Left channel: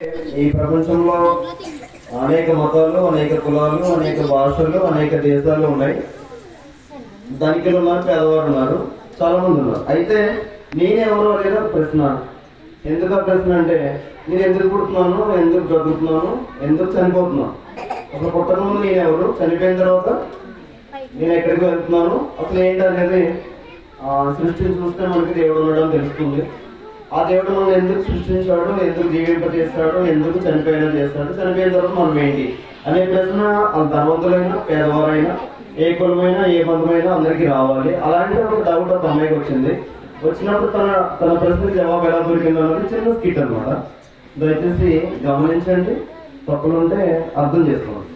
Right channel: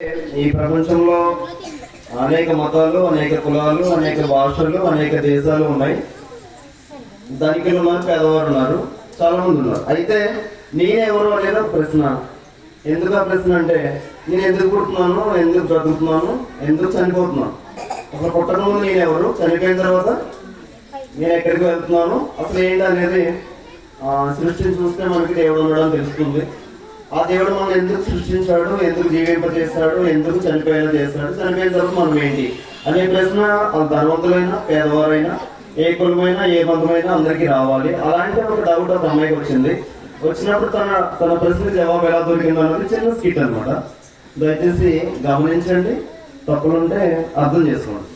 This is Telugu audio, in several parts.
ఈ ప్రపంచంలో అనేక మతాలు, అనేక కులాలు, అనేక భాషలు, అనేక దేశాలు ఉన్నాయి. ధనికులు ఉన్నారు, పేదవారు ఉన్నారు, చాలా మంది ఉన్నారు. అయితే నేనెవరు అనేది ప్రశ్న. ఎందుకు ఆ ప్రశ్న అంటే, నేను ఎందుకు పుడుతున్నాను, ఎందుకు బ్రతుకుతున్నాను, ఎందుకు చనిపోతున్నాను, అసలు పుట్టక ముందు నేనెవరు, చనిపోయిన తర్వాత నేను ఎక్కడికి వెళ్తున్నాను, అసలు ఏంటి అనేది సృష్టిని చూస్తే మనకి దేవుడు ఉండడం తెలుస్తుంది. ఆ దేవుడు మనం ఎందుకు సృష్టించాడు, ఎందుకు జీవింపజేస్తాడు, ఎందుకు చనిపోయినా చేస్తాడు, చనిపోయిన తర్వాత మనం ఏంటి అనే ప్రశ్న ధనవంతులైనా పేదవారైనా ఏ కులమైనా ఏ బంధమైనా అందరికీ రావాలి. అలాంటి ఒక డౌట్ ఒక అమ్మాయికి వచ్చింది. వచ్చినప్పుడు తన ప్రశ్నకు జవాబు ఎలా దొరికిందో అన్నది చిన్న స్కిట్ అనమాట. దయచేసి గమనించండి, తప్పులుంటే అర్థం చేసుకోండి.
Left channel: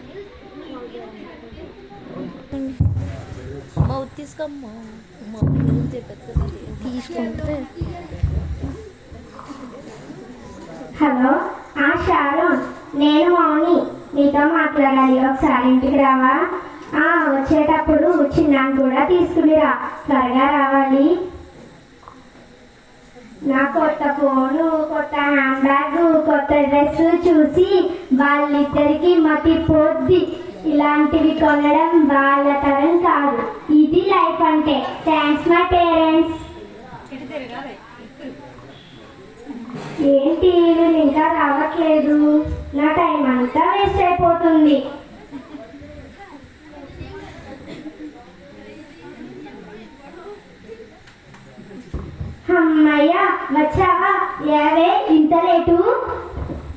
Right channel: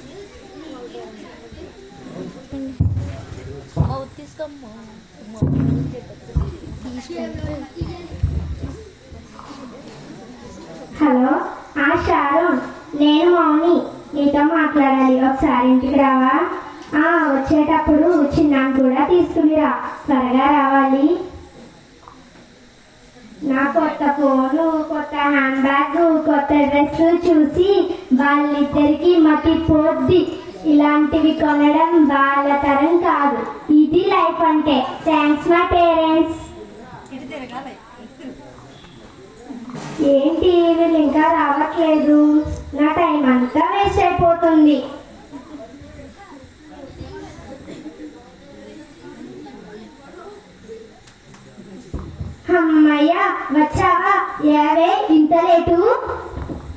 హలో, షారూన్, నేను మౌని, నీతో మాట్లాడాలి. ఒకసారి ఇంటికి రావా? వచ్చేటప్పుడు చిన్నాను కూడా తీసుకునిరా, త్వరగా రావాలి. నా కొత్త ఫోను, కొత్త హ్యాండ్ బ్యాగ్, కొత్త డ్రెస్ చూసి వాళ్ళిద్దరికి మతిపోద్ది. ఇలాంటివి కొనడం వాళ్ళ తరం కాదు. ఇది లైఫ్ అంటే. Thanks my parents. ఏంటి వీళ్ళు ఇంకా రావట్లేదు? నా టైం అంతా వేస్ట్ అయిపోతుంది. అమ్మయ్య, వచ్చావా? ఏవే ఇంత లేటు?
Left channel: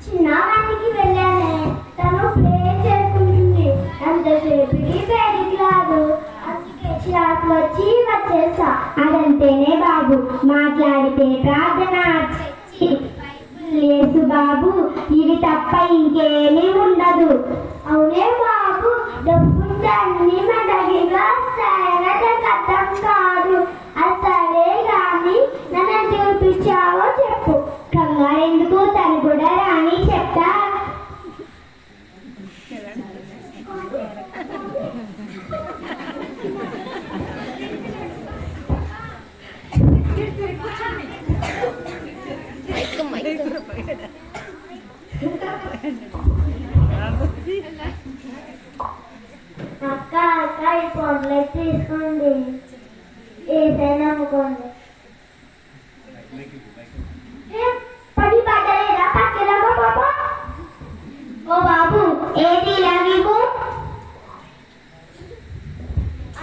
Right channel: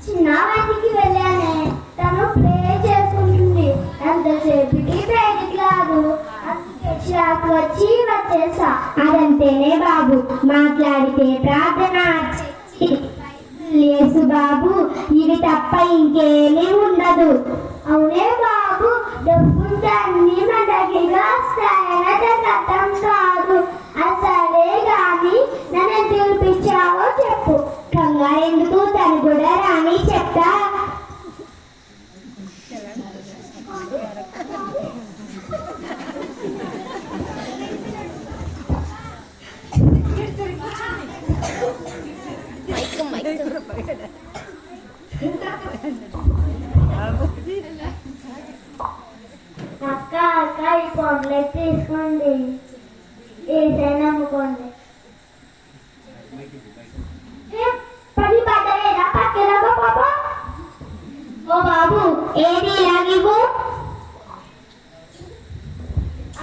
చిన్న వాటికి వెళ్ళానే, తను ప్లే చేసుకుంటుంది. అంతసేపుకి బయటికి రాదు, అందుకే చిరాకు వచ్చి వచ్చేసా. అదంతేనే బాబు, మాట్లాడితే ప్రార్థన లేసు బాబు, ఇవి తప్ప ఇంకేమీ ఉండదు. అవునే బాబు, డబ్బుంటే అన్ని మన దగ్గర వస్తాయని అర్థం కాదు. అసలే కానీ నన్ను చూపించావో చెప్పు. కంగారు ఎందుకు, తను కూడా రాని చెప్తా. అక్క ఈ పొంగలైతే తీసుకోండి, ఏదైనా అమ్ముకోండి. 10 పడలేదా పక్కలో బాబా? ఓ బాబు, ఏది ఇలా నీకు?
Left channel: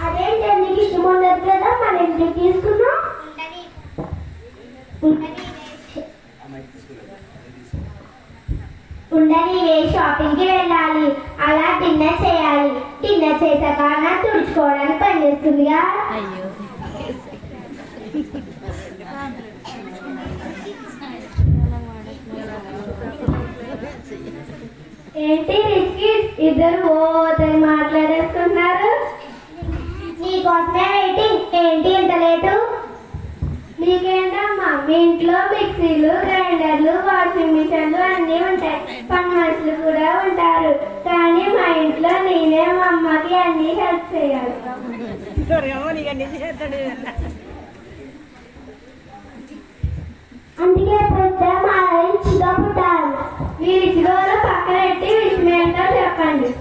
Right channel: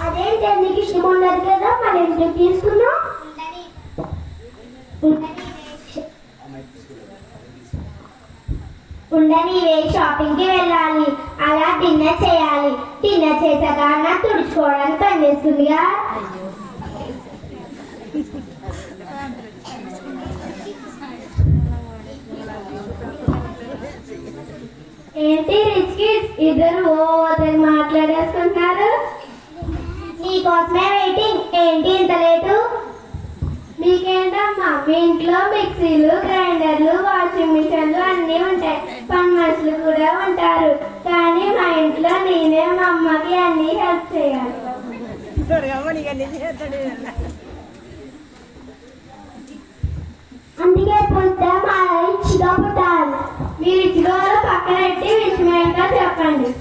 అదేంటి, నీకు ఇష్టం ఉండదు కదా, మన ఇంటికి తీసుకున్నావు. ఉండని, షాపింగ్ కి వెళ్ళాలి, అలా డిన్నర్ చేయాలి. డిన్నర్ చేశాక నా తుడుచుకోవడానికి పని చేస్తుందిగా. ఏంటి రిచ్ కిడ్స్ ఇద్దరు ఓదని మాట్లాడేసుకుంటున్నారు? నీకోసమే వెయిటింగ్. ఏంటి ఇంత లేటు? మీకేంటమ్మా, మీ ఇంట్లో మిక్సీలు, గ్రైండర్లు, వాషింగ్ మిషన్లు అన్నీ ఉంటాయి, పని మనుషులు కూడా ఉంటారు. కానీ మా ఇంట్లో నేనే మా అమ్మకి అన్ని హెల్ప్ చేయాలి. అందుకే పుట్టే మా రిచ్గా పుట్టాలి. మీ రిచ్గా పక్కన పెట్టి విషయమేంటో చెప్పండి.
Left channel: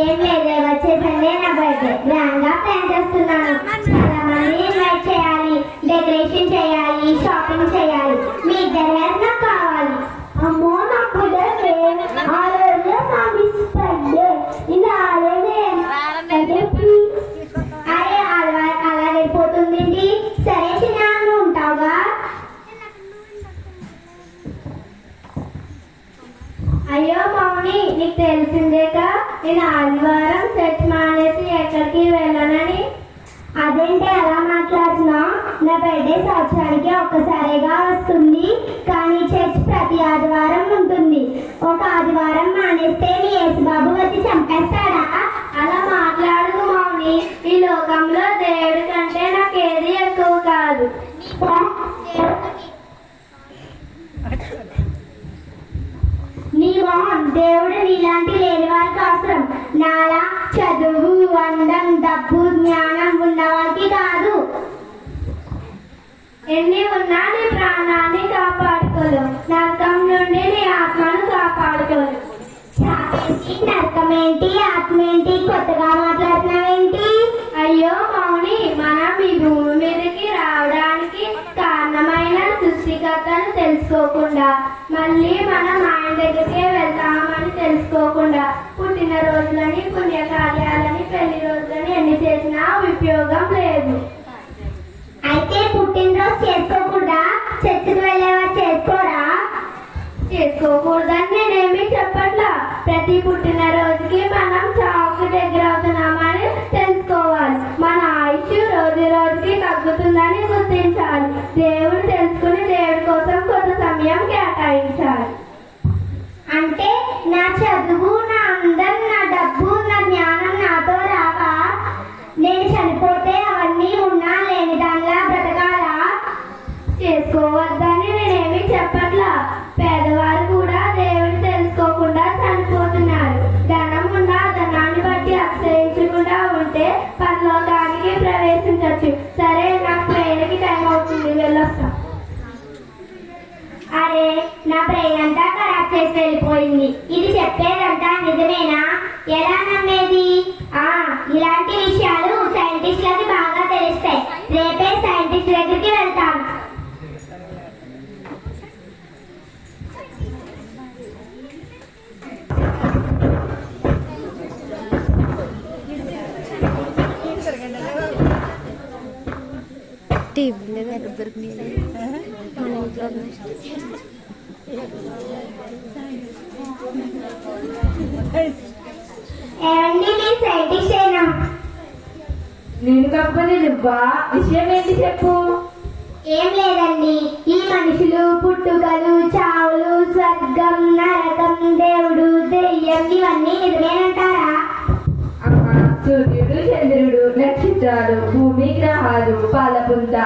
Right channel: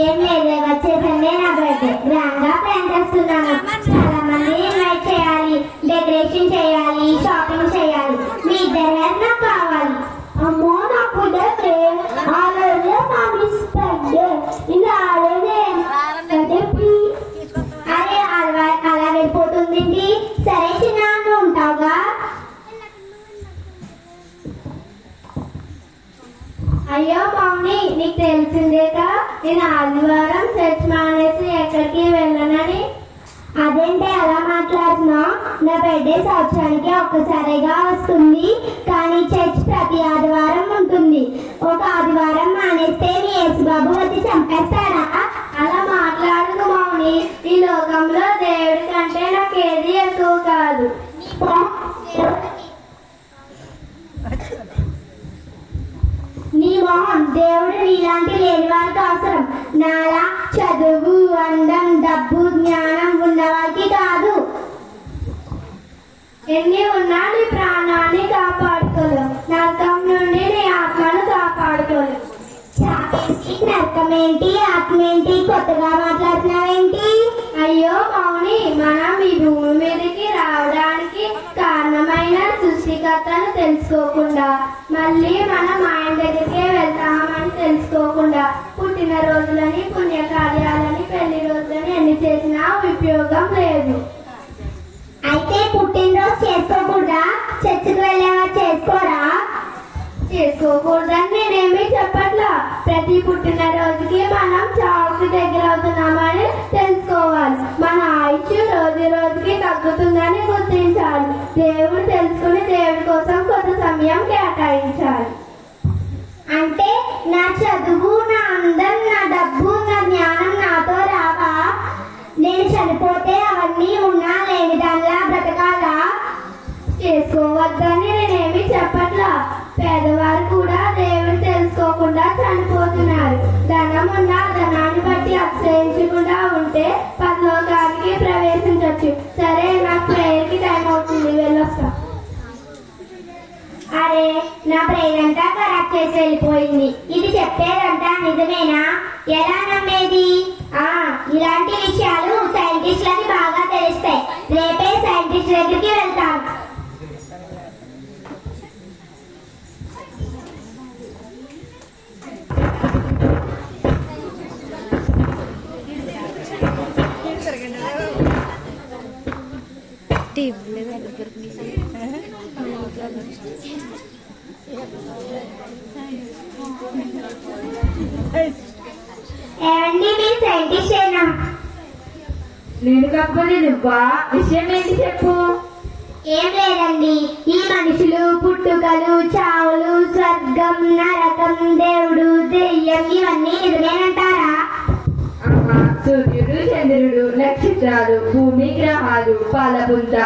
ఏం లేదే, వచ్చే సండే నా బర్త్డే గ్రాండ్ గా ప్లాన్ చేస్తున్నాను. చాలా మంది ఇన్వైట్ చేయాలి, డెకరేషన్ చేయాలి, షాపింగ్ చేయాలి. మీ ఇద్దరు నాకు కావాలి. అమ్మో, నాకు ఆ రోజు నా మిస్ బర్త్డే ఇలా ఆడేదే. అరే అలా వెళ్ళిపోతుంది. సరే చిన్న, నువ్వు ఉంటావుగా? అయ్యో మౌని, నీకు తెలిసిందేగా నేను ఆదివారం చర్చ్ మానేసి ఎక్కడికి వెళ్ళనని. అదేంటి అలా మాట్లాడుతున్నావు? నా బర్త్డే సంవత్సరానికి ఒక్కసారిగా వస్తుంది, కానీ చర్చ్ ప్రతి ఆదివారం ఉంటుంది. ఒక ఆదివారం మానేస్తే మీ యేసుబాబు వచ్చి చంపేస్తాడా? అలా మాట్లాడుకు మౌని. ఈ లోకంలో దేవుడి కంటే నాకేది ఎక్కువ కాదు. నీ మొహం, దేవుడు నీలాంటి లేని వారికి అవసరం. నాలా చదువు, అందం, డబ్బు, జ్ఞానం ఉన్నవారికి కాదు. ఎన్ని ఉన్నా నీ ప్రాణాన్ని కాపాడుకోలేం, నరకం నుండి నీ ఆత్మను కాపాడుకోలేం. నరకం ఏంటి, ఆత్మ ఏంటి, కొత్తగా మాట్లాడుతున్నావేంటి? అయ్యో మౌని, మనం ఈ భూమి మీదకి రావడానికి కారణమైన సృష్టికర్తను తెలుసుకోకుండా, మళ్ళీ మనం ఆయన దగ్గరికే వెళ్తామని తెలుసుకోకుండా, పుట్టినరోజులని, పుణ్యకార్యాలని, పెళ్లి రోజులని ఎన్ని చేసినా ఉపయోగం లేదు. అయితే పుట్టినరోజు చేసుకోకుండా చర్చికి వెళ్ళేవారు చేసుకోరా? చేసుకోకూడదని నేనేమి చెప్పట్లా. ప్రతి పుట్టినరోజుకి మనం చావుకు దగ్గర అవుతున్నామని తెలుసుకోవాలి. మన ఆయుష్ రోజు రోజుకి తగ్గుతుందని గుర్తించాలి. దేవుడు తెలుసుకుని దేవుడి కోసం కొంత సమయం కేటాయించాలి. అంటే నా చదువు, నా అందం, నా డబ్బు, నా జ్ఞానం నాతో రాక నేను చనిపోతే అవన్నీ ఉన్నా లేని దానిలా బ్రతకాలా? చేసుకోవద్దని నేనేమి చెప్పట్లా. పేదవారు కూడా దేవుడు తెలుసుకోకుండా చనిపోతున్నారు. ధనం ఉన్న ధనాన్ని బట్టి అక్షయించకుండా ఉంటే పరలోకానికి ప్రవేశించవచ్చు. సరే, నాకు ప్రేయర్కి టైం అవుతుంది, వెళ్ళొస్తా. అరే, నా ప్రేయర్ అంతా ఖరాబ్ చేసి వెళ్ళిపోయింది. ఇది చెప్పేదంతా నిజమేనా? ఎలా నమ్మేది? ఇలాంటి విషయాలు సైంటిస్టులకి బాగా తెలుస్తాయి. రేపే సైంటిస్ట్ దగ్గరికి వెళ్తాను. ఏమండి, మీ సైంటిస్ట్ ఏనా? నేను కాకపోతే నువ్వా? విషయం ఏంటి చెప్పు. ఏం లేదండి, ఈ మనుషులు, పుట్టుకలు, చావులు, స్వర్గం, నరకం, దేవుడు, దెయ్యం ఇవన్నీ నిజమేనంటారా? సూర్యుడు, చంద్రుడు, నక్షత్రాలు, భూమి, గ్రహాలు, పాలపుంత,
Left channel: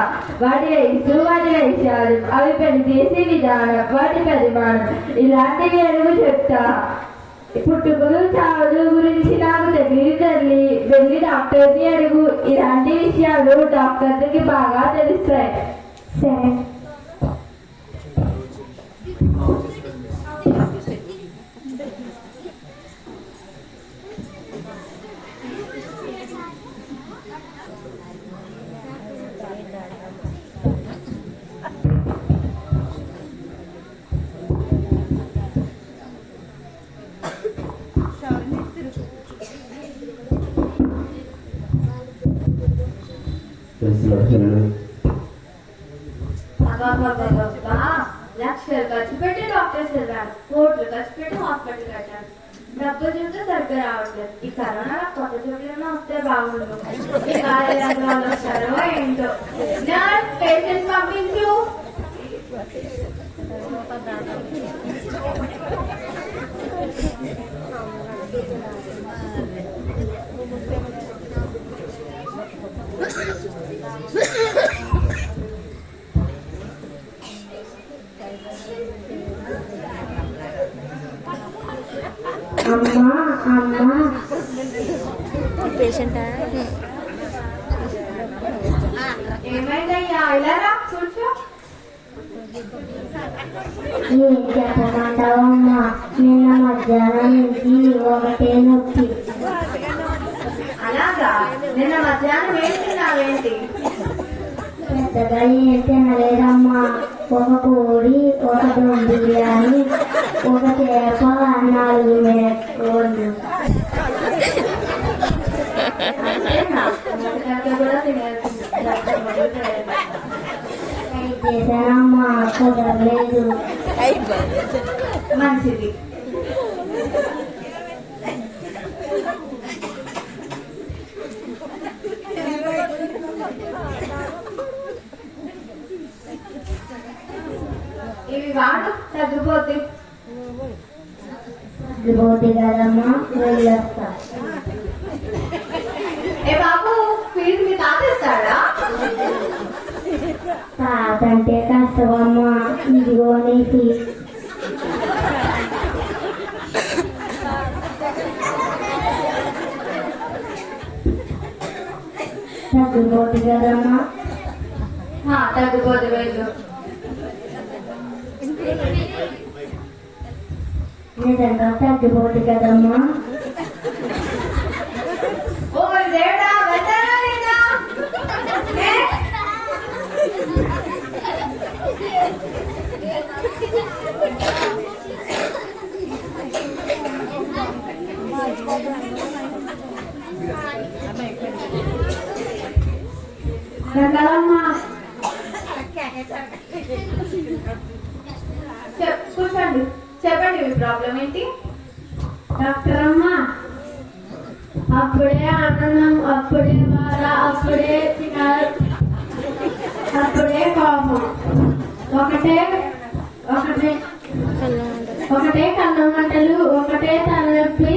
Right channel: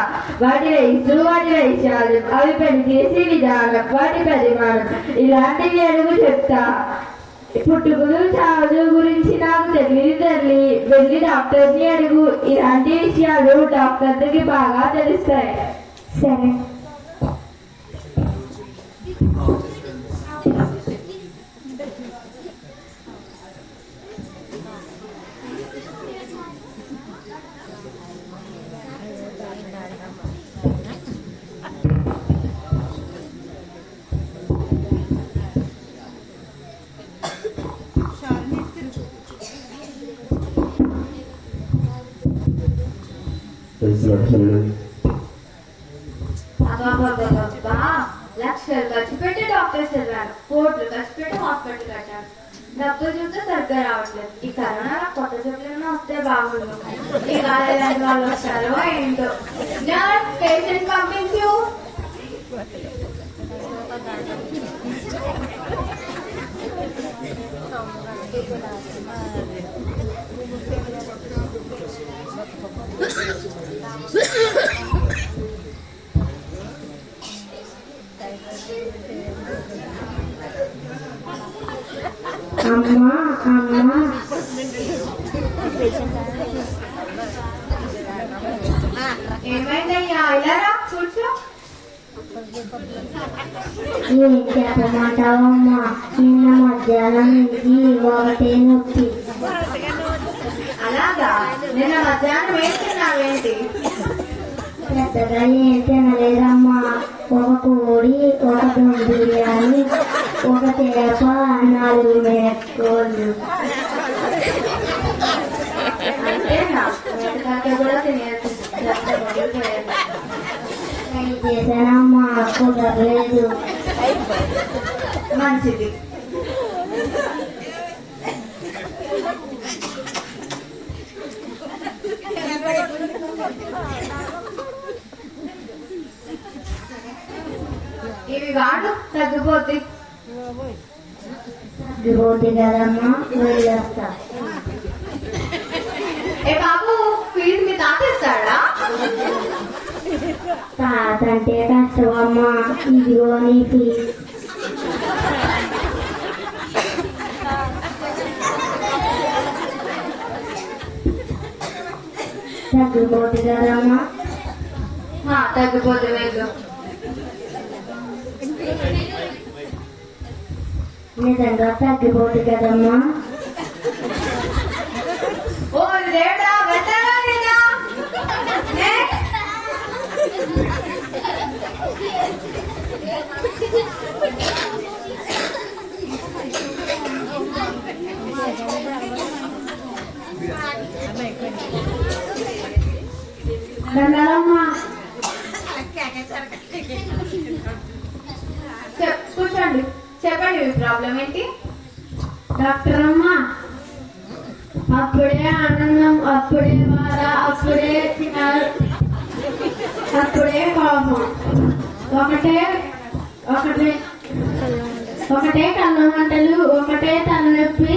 వాటి వయస్సు, వాటి వైశాలు, అవి పనిచేసే విధానం, వాటి పరిమాణం, ఇలాంటివి అడుగు చెప్తా. పుట్టుకలు, చావులు గురించి నాకు తెలియదు తల్లి. వెళ్ళి డాక్టర్ని అడుగు. ఇలాంటి విషయాలు డాక్టర్కి బాగా తెలుస్తాయి. సరే. లక్షలు ఖర్చు పెట్టి డాక్టర్స్ వెళ్ళారు, కోట్లు ఖర్చు పెట్టి హాస్పిటల్ కట్టారు. డబ్బులు చూస్తే సరిగ్గా రావట్లేదు. ఈ కరోనా కొత్త జబ్బులను వస్తే బాగుండు. ఈ ఎలాంటి వాళ్ళు వచ్చారో ఏంటో. పేషెంట్ పంపించు. అమ్మా, అమ్మా, ఏమైందయ్యా? ఇలా రా, కూర్చో. ఏం చెప్పమంటావమ్మా? నిన్న మధ్యాహ్నం నుంచి ఒకటే నొప్పి. అలాగా? నిన్న మధ్యాహ్నం వేస్తున్నావేంటి? పెద్దగా ఏం తినలేదమ్మా. ఒక కోడి, ఒక బిర్యానీ, ఒక చేప, 4 మేకోళ్ళు. చేశానమ్మా, కుదరలేదు. మంచిది. ఇవి వాడు, తగ్గిపోతే. తగ్గిపోతే కదమ్మా, వెళ్ళొస్తా. ఏ బాబు, ఫీజు మీ తాతేస్తాడా? తాతంటే కష్టమమ్మా. ఇదిగో నీ ఫీజు. తగ్గిపోతే కదమ్మా. తగ్గిపోతే వెళ్ళు. నిజంగా తగ్గిపోతుంది కదమ్మా. ఓ దేవుడా, వెళ్తారా లేదా? దండాలమ్మా. కూర్చోండి, చెప్పండి మీ ప్రాబ్లం ఏంటి? డాక్టర్ అమ్మా, అప్పుడే ఆనందం, అప్పుడే బాధ, అప్పుడే తినాలి, అప్పుడే కోపం, ఒకటే ఒకటే ఒకటే కన్ను మంటలు, ఒకటే తలనొప్పి,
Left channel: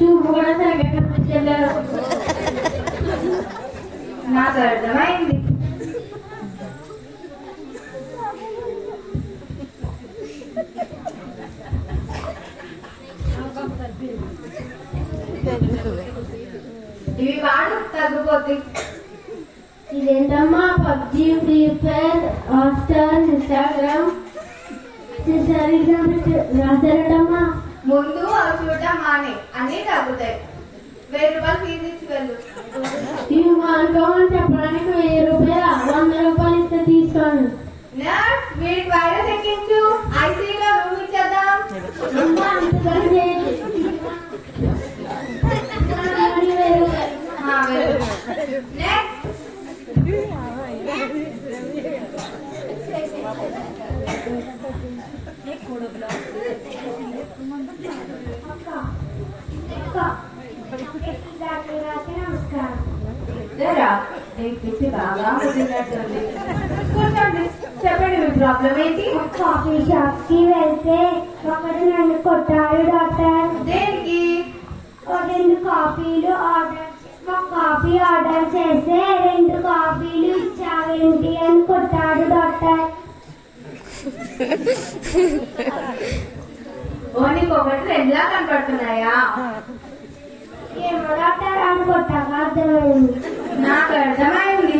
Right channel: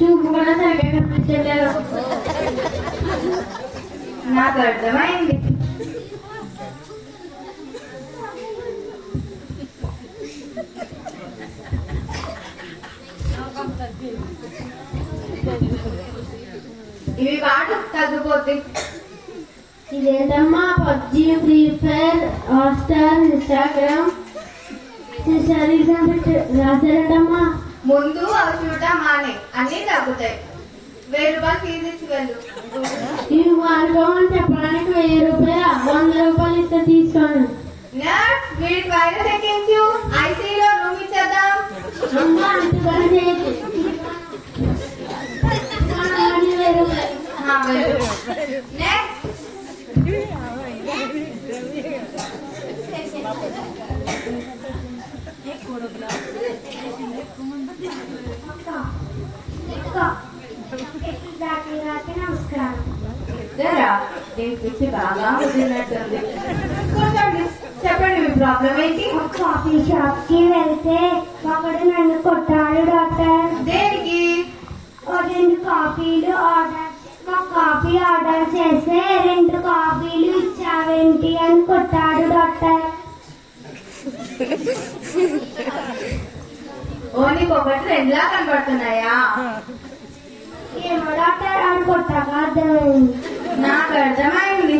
చూపు కూడా సరిగ్గా కనిపించలేదు. నాకు అర్థమైంది. ఇవి వాడు తగ్గిపోతాయి. ఇదేంటమ్మా PUBG, free fire, Hotstar, Instagram, రాశారటమ్మా. ముందు అవి చూడటం మానే, అన్ని తగ్గుతాయి. 1000 రూపాయలు ఫీజు ఇచ్చి వెళ్ళు. ఇవి మార్గం చెప్పడానికి 1000 రూపాయలు, 100 రూపాయలు ఇస్తే తీసుకోండి. నర్స్, వీడి పైన తెక్కించు. ఐసీలో రూమ్ ఇచ్చేద్దాం. అమ్మా అంతకని చేయకు. నెక్స్ట్. నమస్కారం. కూర్చోండి, చెప్పండి మీ ప్రాబ్లం ఏంటి? కాఫీ షాప్ కి వెళ్తే ఒకడు నన్ను కొట్టాడు డాక్టర్. దేనికి? 2 కాఫీలు కాఫీ ఆర్డర్ చేస్తే 2 కాఫీలు ఇచ్చావేంటి అని కొట్టాడు డాక్టర్. ఓ నీకు ఒకటి 2లా కనపడుతున్నాయా? ఏమో డాక్టర్ అని కొట్టాక అర్థమైంది. నాకు అర్థమైంది.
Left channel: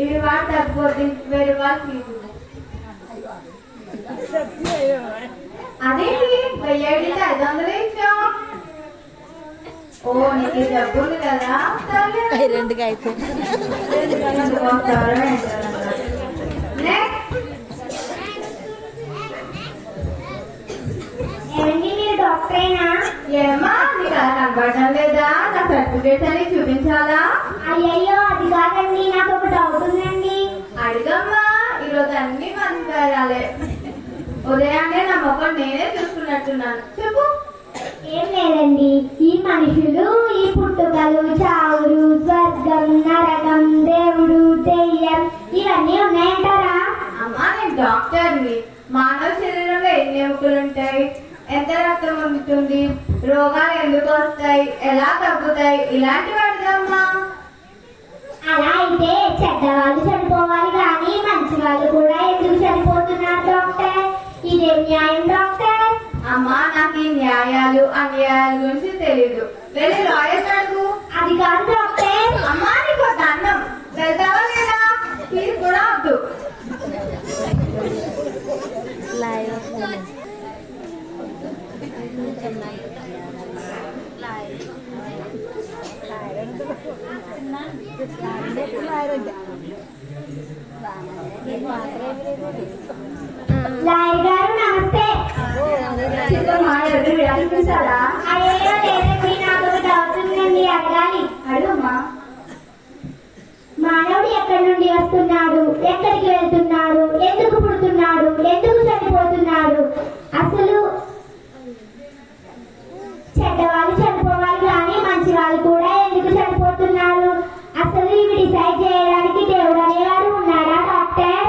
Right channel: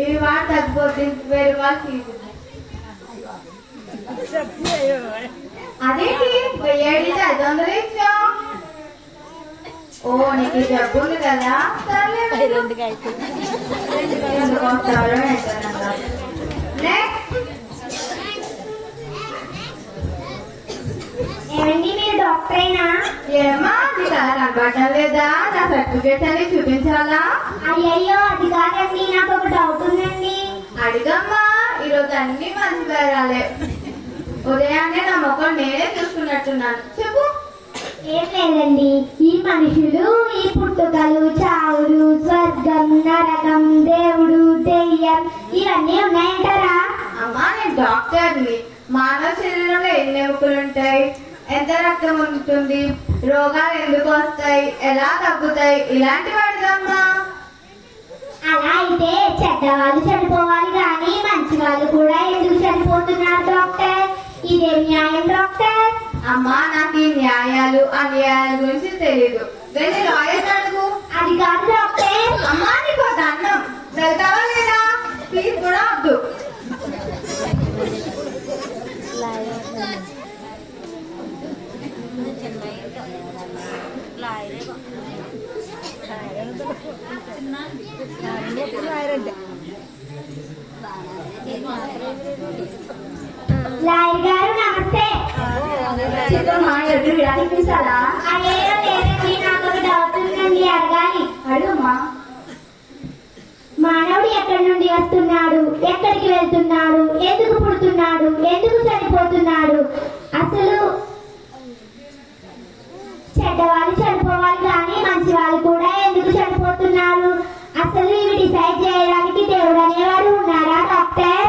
ఇవి వాడు తగ్గిపోతే 1000 రూపాయలు ఫీజు. అదేంటి 1000 500 ఇచ్చాం. ఓ నీకు జబ్బు ఉంది కదా. ఏమండి మీరు డాక్టర్ అయినా? ఏమా నీకు అలా కనపడటం లేదా? నా సర్టిఫికేట్స్ అన్ని చూపించాలా? అయ్యయ్యో అది కాదండి, నాకు ఒక డౌట్ ఉందండి. అడిగమ్మా, ఈరోజు అన్ని మంచి పేరాలే. ఉదయాన్నే నా ముఖం నేనే చూసుకున్నట్టున్నాను. చెప్పు. ఏం లేదండి, ఈ మనుషులు, ఈ పుట్టుకలు, చావులు, స్వర్గం, నరకం, దేవుడు, దెయ్యం ఇవన్నీ ఉన్నాయంటారా? అమ్మా నేను డాక్టర్ని. మానవ శరీరంలో ఎన్ని ఎముకలు ఉంటాయి, ఎంత రక్తం ఉంటుంది, రోగాలు ఎందుకు వస్తాయి, ఎలా తగ్గుతాయి, ఇలాంటివి అడగమ్మా. అలా అయితే చెడ్డవాళ్ళు చనిపోవాలి కానీ మంచి వాళ్ళు కూడా ఎందుకు చనిపోతున్నారు డాక్టర్? ఇదే న్యాయం డాక్టర్? అమ్మా నాకు ఈ న్యాయాలు అన్యాయాల గురించి తెలీదు. వెళ్ళి లాయర్ అడుగు. అది కాదు డాక్టర్. అమ్మా నీకు దండం. వెళ్తావా లేదా? ఫీజు కూడా వద్దు. లాయర్ గారు నమస్తే. అయ్యో లేదండి, నాకు ఒక డౌట్ ఉందండి, అడగాలి. అడుగమ్మా. మానవుడు ఎక్కడి నుండి వస్తున్నాడు, ఎక్కడికి వెళ్తున్నాడు, ఎందుకు పుడుతున్నాడు, ఎందుకు చనిపోతున్నాడు, అసలు చెడ్డవాళ్ళు చనిపోవాలి కానీ మంచి వాళ్ళు కూడా ఎందుకు చనిపోతున్నారు, అసలు ఇవి డిసైడ్ చేయడానికి దేవుడు అనేవాడు ఉన్నాడా డాక్టర్?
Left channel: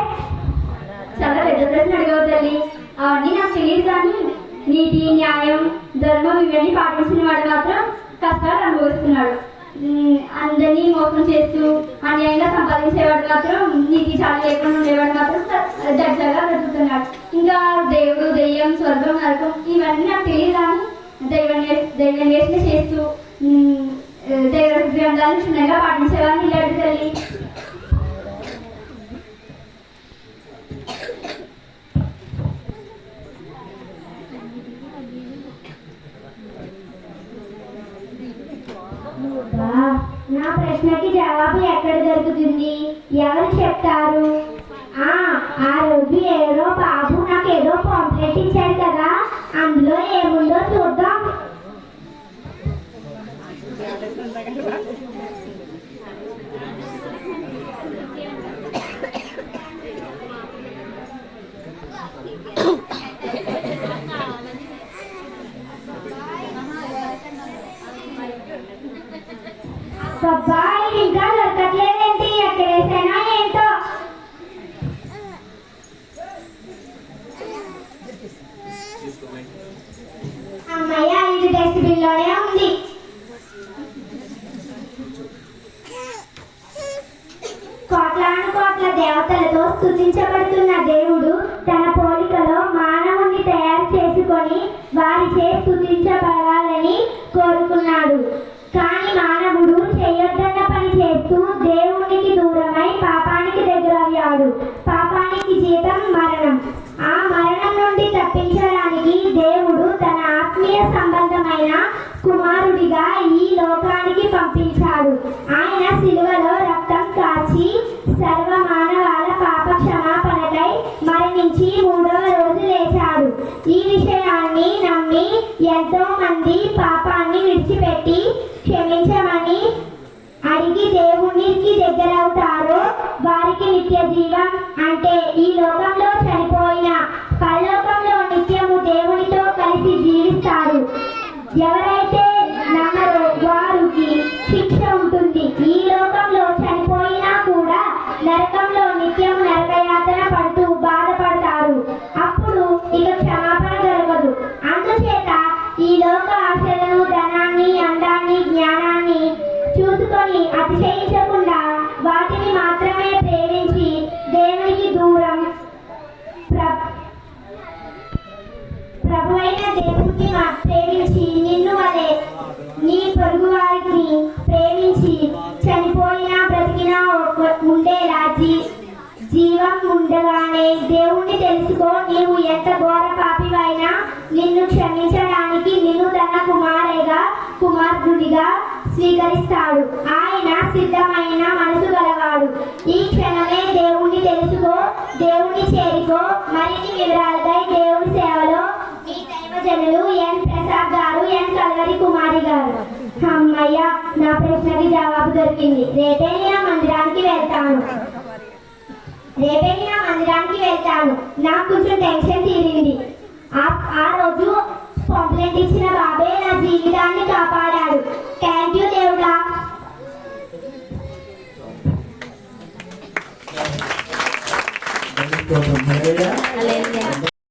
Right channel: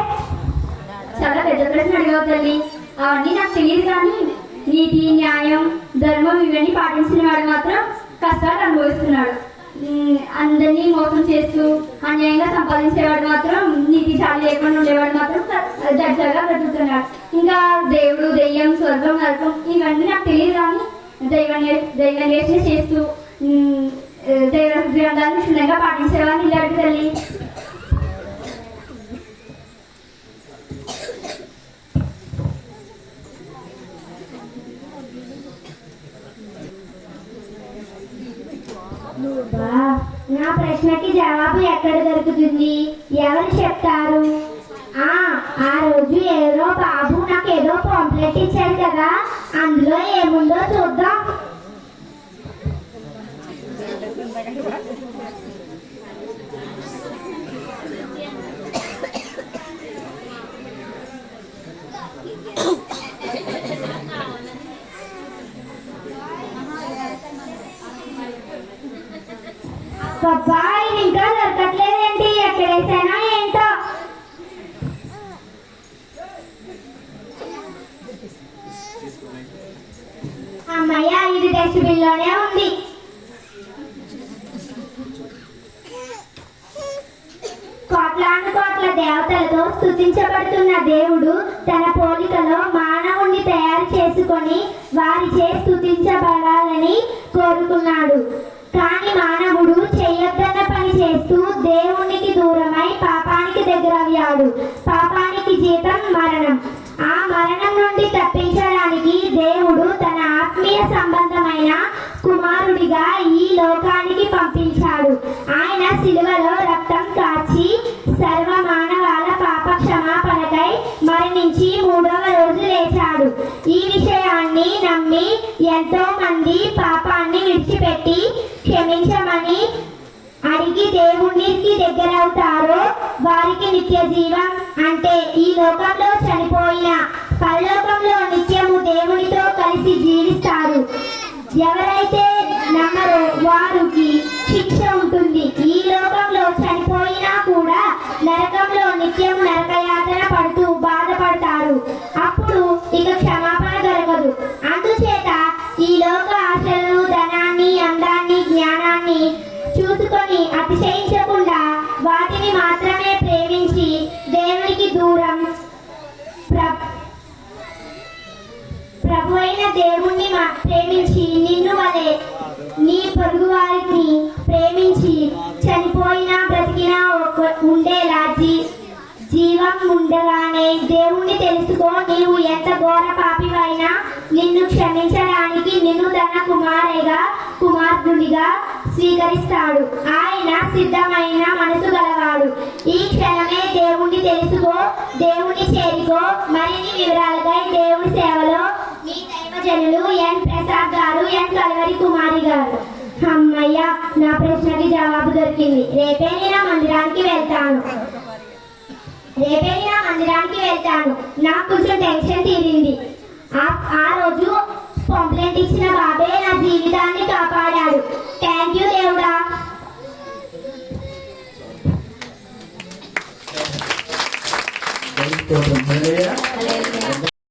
చాలా పెద్ద ప్రశ్న అడిగావు తల్లి. అవన్నీ నాకు తెలియదు కానీ నీతి, న్యాయం, ధర్మం ఇవన్నీ పాటించిన వాడు మాత్రం కష్టాలు అనుభవిస్తున్నాడు. అందరినీ మోసం చేస్తూ అన్యాయంగా సంపాదించేవాడు మాత్రం, నీతి చాలా లేకుండా ఉండేవాడు మాత్రం దర్జాగా బ్రతుకుతున్నాడు. ఇంకా దేవుడు, దెయ్యం, స్వర్గం, నరకం ఇవన్నీ నాకు తెలియదు. కానీ దైవ చేస్తూ దైవ గ్రంథాలను చిన్నగా పాటించేవాడిని. ఇలాంటి తల్లి నా ప్రశ్నకి జవాబు ఎక్కడ దొరుకుతుంది? ఎవరు చెప్తారు? ఆ రోజు ఎవరో బాబు నాకేదో పాంప్లెట్ ఇచ్చారు కదా, అందులో ఏముందో చూద్దాం. బాబాయ్ ఇంకా దొరకట్లేదేంటి? ఎక్కడేసానా ఏంటో. అమ్మయ్య, ఇది డస్ట్బిన్ లోనే ఉంది. కోట్లాను కోట్ల దేవతలతో స్తుతించబడుతున్న దేవుడు తన పోలికలో మానవుణ్ణి తయారు చేసుకొని వారిచే స్తుతించబడాలని కోరుకున్నాడు. కానీ మానవుడు చేయొద్దన్న పని చేస్తూ దేవునికి దూరమై పాపానికి దగ్గరయ్యాడు. పాపానికి జీతం మరణం. ఆ మరణం నుండి తప్పించడానికి దేవుడు తన ఆత్మీయ సంబంధమైన కుమారుడిగా ఈ లోకానికి పంపించాడు. ఆయన సిలువలో రక్తం కార్చి సర్వ మానవాల పాప క్షమాపణకై మరణించి 3వ రోజు లేచాడు. ఈ విషయాన్ని నమ్మి ఎంతో మంది పాపాన్ని విడిచిపెట్టి క్షమించమని అడిగి దేవునికి దగ్గరవుతారో వారికి నిత్య జీవం, అంటే ఈ లోకంలో చనిపోయిన పరలోకంలో నిత్యము దేవునితో కలిసి జీవిస్తారు. ఎవరైతే నమ్మరో వారికి శిక్ష ఉంటుంది. ఈ లోకంలో చనిపోయినా కూడా నరకంలో నిత్యము నరకయాతన పడుతూ బాధపడతారు. అప్పుడు ఇక క్షమాపణ దొరకదు. అందుచేత ఈ లోక ఆశలను, ధనాన్ని, అందాన్ని, జ్ఞానాన్ని చూసుకొని అతిశయించకుండా వాటిని మాత్రమే ప్రేమించి దేవునికి దూరం ప్రభువైన దేవుణ్ణి ప్రేమించి నిన్ను వలె నీ పొరుగు వారిని ప్రేమించి చనిపోయినా బ్రతికినా ఉండేలా జీవం ఉండగానే దేవుణ్ణి తెలుసుకో. నీవు ఎంత ఘోర పాపివైనా నిన్ను క్షమించడానికి నిన్ను తన కుమారుడిగా స్వీకరిస్తాడు. ఆయన సిద్ధమైన మనసు గలవాడు. ఈ క్షణమే దేవుణ్ణి తెలుసుకో, దేవుని చేరుకో. మరిన్ని వివరాలకై దేవుని సేవలో మీ దైవజనులు ఎన్ ప్రసాద్ గారు, ఎన్ కల్వరి కుమారి గారు. అమ్మయ్య, నా ప్రశ్నకి జవాబు దొరికింది. రేపే నేను మందిరానికి వెళ్తాను. నాకు కొంచెం టెన్షన్ తీరింది. ఆ రోజు కంప్లైంట్ ఇచ్చిన బాబే నా జీవితాన్ని కాపాడాడు. థ్యాంక్ యూ దేవుడా. హల్లెలూయా.